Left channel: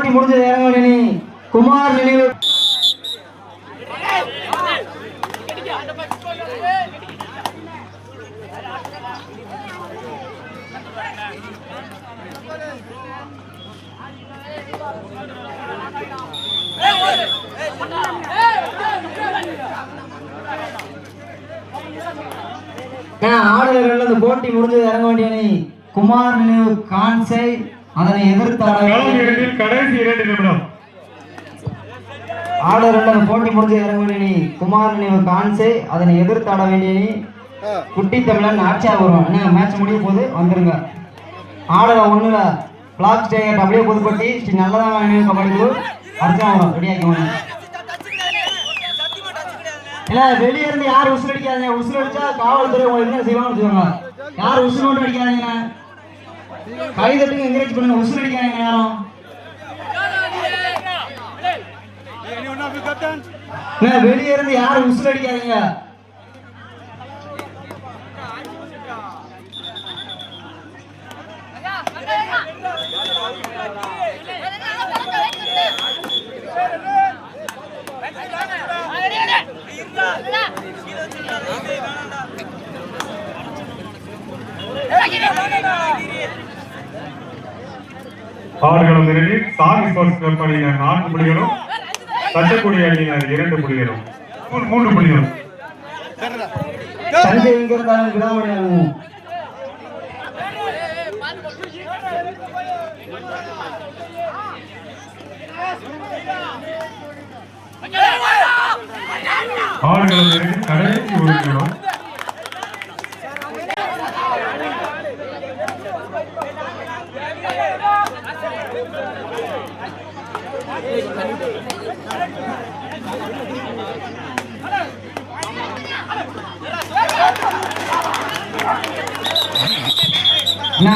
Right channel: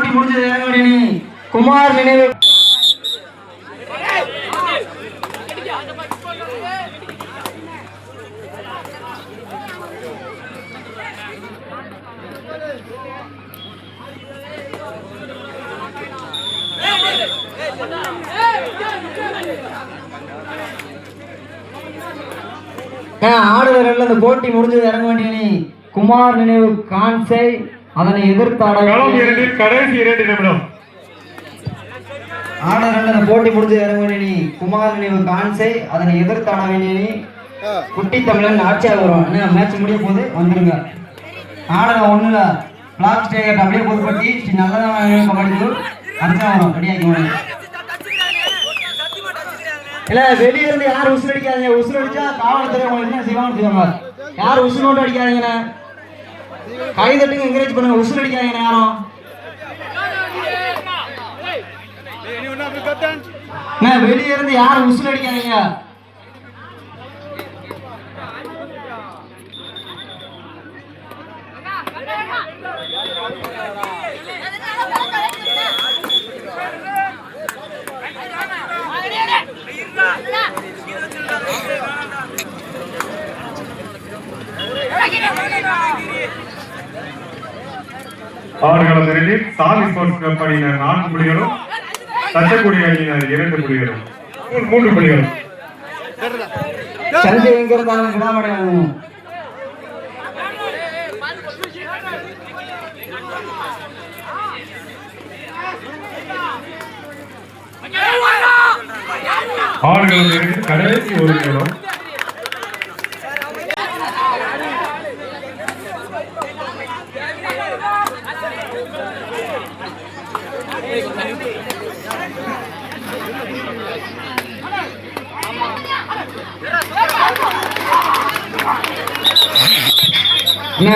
போட்டி முடிஞ்சது இறங்கி குமார் நினைவு ஆடுவர்கள் அந்த போட்டி முடிஞ்சது இறங்க வேண்டிய குமார் நினைவு கான்சை அதனை எதிர்த்து கடைசி 2 நிமிடம் ஆடுவர்கள் அந்த போட்டி முடிஞ்சது இறங்க வேண்டிய குமார் நினைவு கான்சை அதனை எதிர்த்து ஆட வேண்டிய குட்டி தமிழன் ஆட்சியாக வரும். என்ன மேட்ச் முடிய போது வந்துருங்க. ஆடல ஒண்ணுல பிளாக் ஸ்டேட் அப்படியே புதுப்பட்டி நல்லதான் கபடிக்கு அர்ச்சனா வரும். ரெடியாக்கி இல்ல வெளியே இருந்து யாரும் உசுறு அடிக்காதீங்க. உசுறு அடிச்சா காவல்துறை உங்களுக்கு என்ன செய்வாங்கன்னு வச்சுக்கோங்க. யாரும் உசுறு மட்டும் அடிக்காதீங்கண்ணே. கை தட்டுங்க, என்கரேஜ் பண்ணுங்க. உசுறு அடிக்காதீங்க யாரும். வெளியே இருந்து யாரும் உசுறு அடிக்காதீங்க. ஆடுகளத்தில் சாமி ஸ்போர்ட்ஸ் கிளப் அணியினர் 4 புள்ளிகளும், தட்டக்குடி அணியினர் 2 புள்ளிகளும், 3 புள்ளிகளும். சஞ்சய் எங்க இருந்தாலும் விடாமடையாகும். ஆடுகளத்தில் கடைசி 1 நிமிடம்.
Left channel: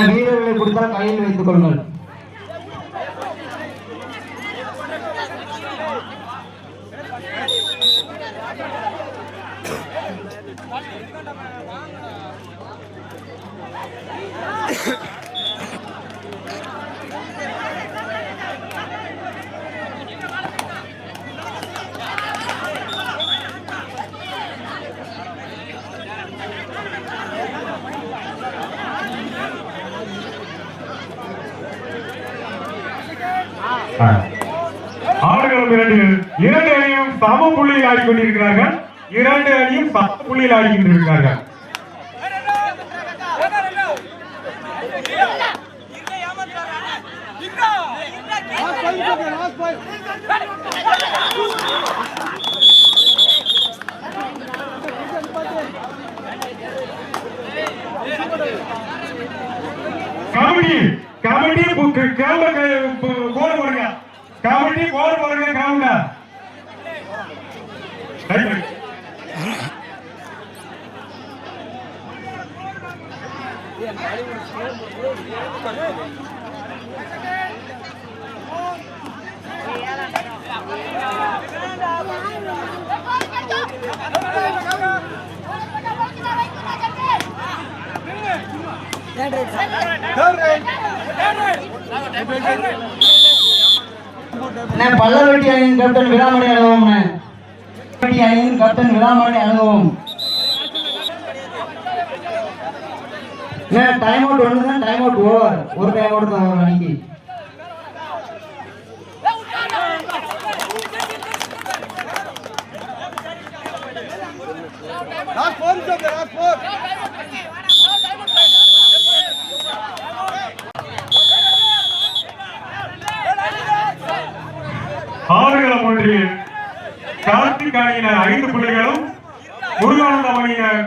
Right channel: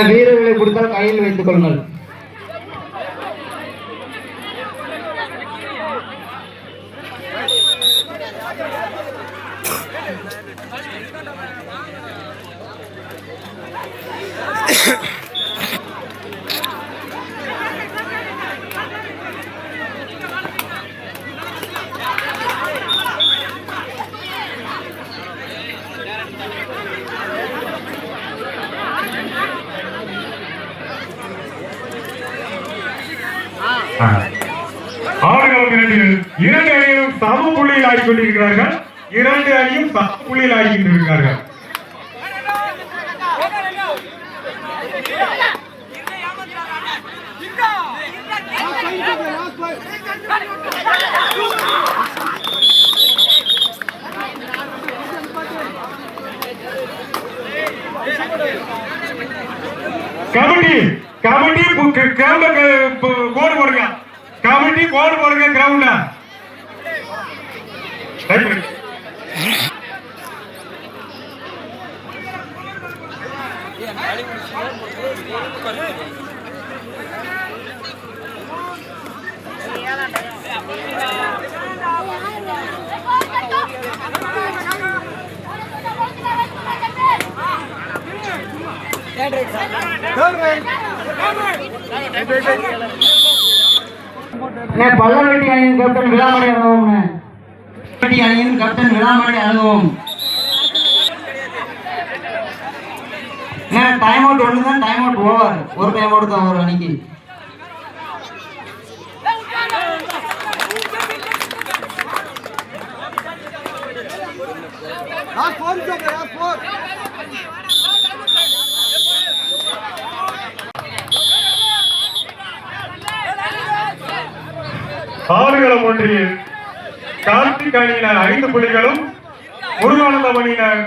வீரர்களை கொடுத்தால் கையில் வைத்துக் கொள்ளுங்கள். ஆடுகளத்தில் 2 அணியும் சம புள்ளியில் ஆடிக்கொண்டிருக்கிறார்கள். 2 அணியும் 10 புள்ளியில் ஆடிக்கொண்டிருக்கிறார்கள். கபடி கபடி கோடு போடுங்க. கபடி கோடு போடுங்க. கிரவுண்ட பல்லவெட்டி அணியின் கேப்டன் விழாமணி அழுவோம். அணியின் கேப்டன் விழாமணி அழுவோம். டைம் அவுட் ஒன்று தான். Time out over. ஒரு டைம் அவுட் தான் ஒரு அணிக்கு. ஆடுகளம் ஒன்றில் கார்த்திக் அணியினர் 5 புள்ளிகளும், முருகானந்தம் அணியினர்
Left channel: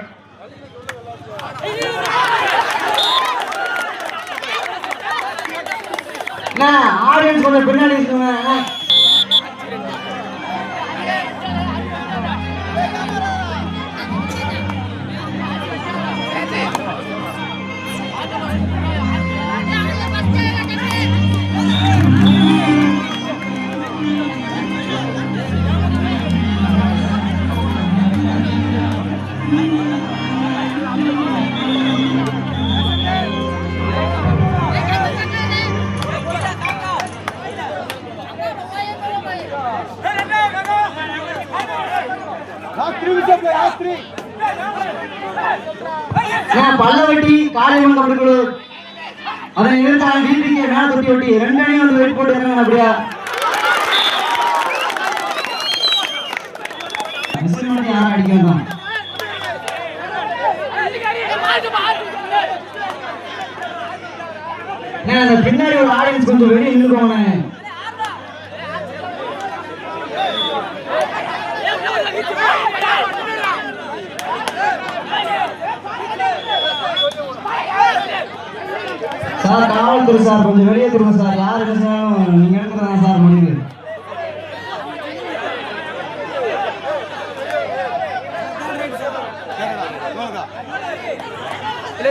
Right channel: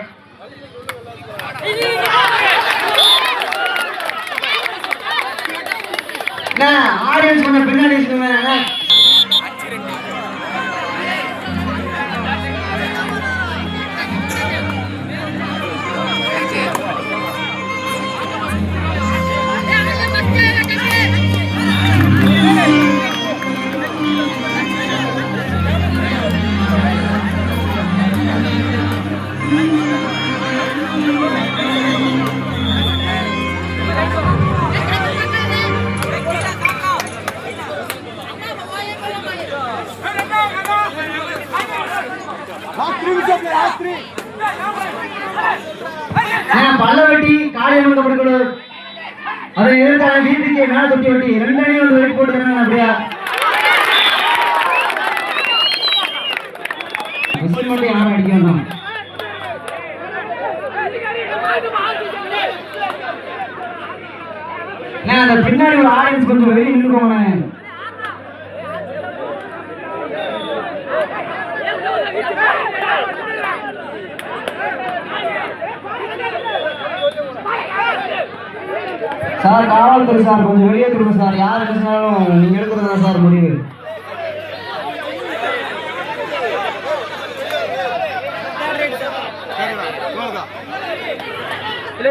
ஆடியன்ஸ் கொஞ்சம் பின்னாடி இருக்குங்க. பல்லவட்டி காலையில் கொடுக்கணும். அதனை எதிர்த்தான வீட்டுக்கு மேல தொட்டி வட்டி 2 அணி வந்து வெயிட் போட்டு அப்படியா விசில் மட்டும் யாரும் அடிக்கணும். அந்த பின்னாடி ஒரு ஆடியன்ஸ் கொஞ்சம் வெளியே நின்றுக்கோங்க. சார் காவல்துறை சார் கொஞ்சம் வெளியே திரும்ப சார். யார் எடுத்தாலும் நீங்க எடுக்கிறதா சார் முடிவு.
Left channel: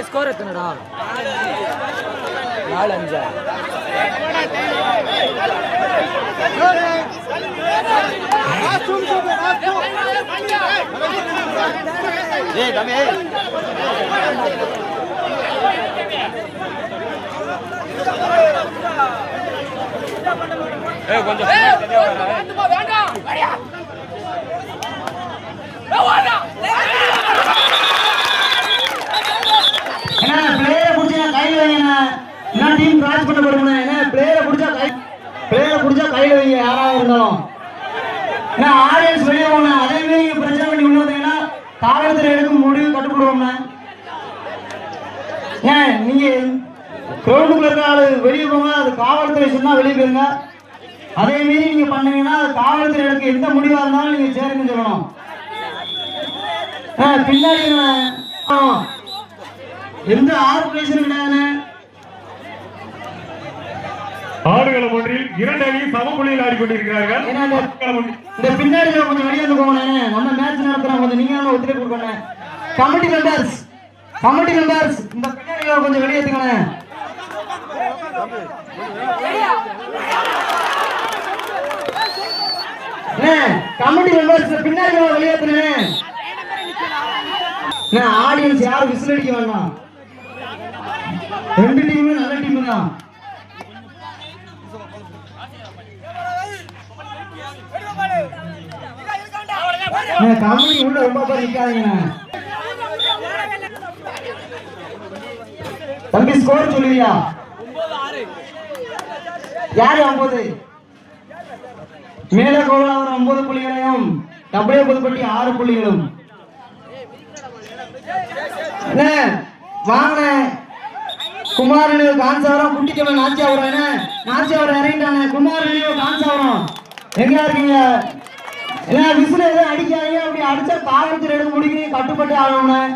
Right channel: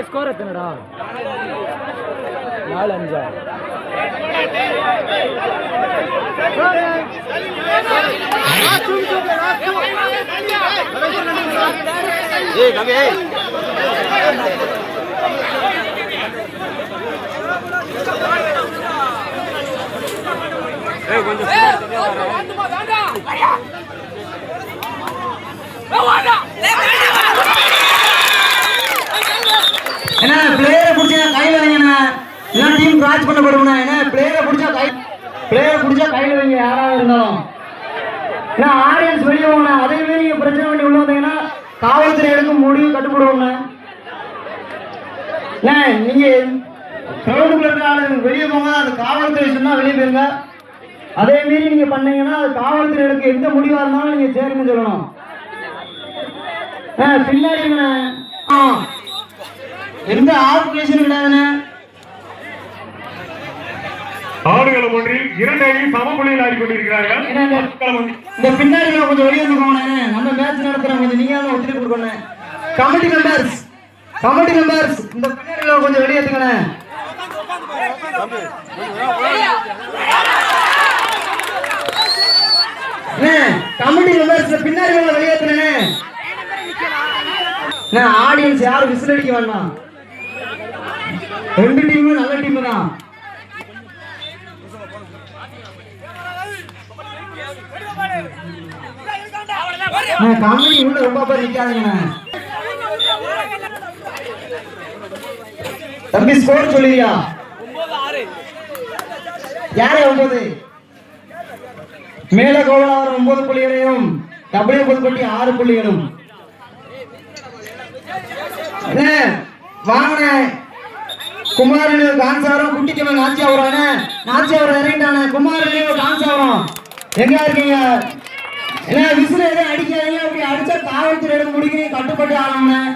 ஸ்கோர் எத்தனடா 4-5 ஏய் கவி ஏய் கொஞ்சம் என்ன பிளேயரை புடிச்சா கையில வைங்கண்ணா. என்ன டீம் கிராச் பண்ண போறோம்னா என்ன பிளேயரை புடிச்சா கையில வைங்க யாராவது இருந்தாலும். என்ன ஆடியன்ஸ் வெளியே போங்க. அதே மாதிரி நீங்க பிரச்சனை பண்ணி உள்ள வந்தீங்கன்னா காவல்துறை எடுக்கும் முடிவு கட்டுப்படுவோம்னா. ஏன் நீங்க கிரவுண்டுக்குள்ள இருக்க ஆளு வெளியே போங்க. அது காவல்துறை சொன்னா வெளியே போயிருங்க. அதே மீறி நீங்க பண்ணீங்கன்னா அது காவல்துறை எடுக்க எந்த முடிவா இருந்தாலும் நீங்க சேருங்க சொல்லணும். பின்னாடி எந்த ஆப்ரேஷன் கிடையாது. ஆடுகளம் ஒன்றில் 2 அணியும் சம புள்ளியில் ஆடிக்கொண்டிருக்கிறார்கள். இந்த பின்னாடி கொஞ்சம் வெளியே வந்துக்கோங்க. நம்ம மேட்ச் நடத்துறோம். கொஞ்சம் நீங்க தான் ஒத்துழைப்பு கொடுக்கணும். கமிட்டி மெம்பர்ஸ் இந்த பின்னாடி கொஞ்சம் வெளியே எடுத்துக்கணும். கமிட்டி மெம்பர்ஸ் பின்னாடி வெளியே எடுத்துக்கணும். ஆடியன்ஸ் யாரும் விசில் அடிக்க வேண்டாம். 2 டீமும் நல்ல டீம் தான். கமிட்டி உள்ள ரொம்ப பேர் நிக்காதீங்க. தம்பி ஸ்கோர் சொல்லுவியா? 9-6 யாரு 9? மேலே கோவலாவர் 9 புள்ளிகளையும் டபிள்யூ புதுப்பட்டி 6 புள்ளிகளும். வாங்கின குமாரனு கான்சாவரம் குட்டிக்கவன் நாச்சியாவரம் இறங்கிட்டானே. குமாரனு கான்சாவரம் எங்க இருக்கீங்க? என்ன விசில் எதுவும் அடிக்காதீங்க. அப்படி அடிச்சா காவல்துறை எடுத்து முடிக்கிறீங்க. கட்டுப்பட்டு ஆகணும்.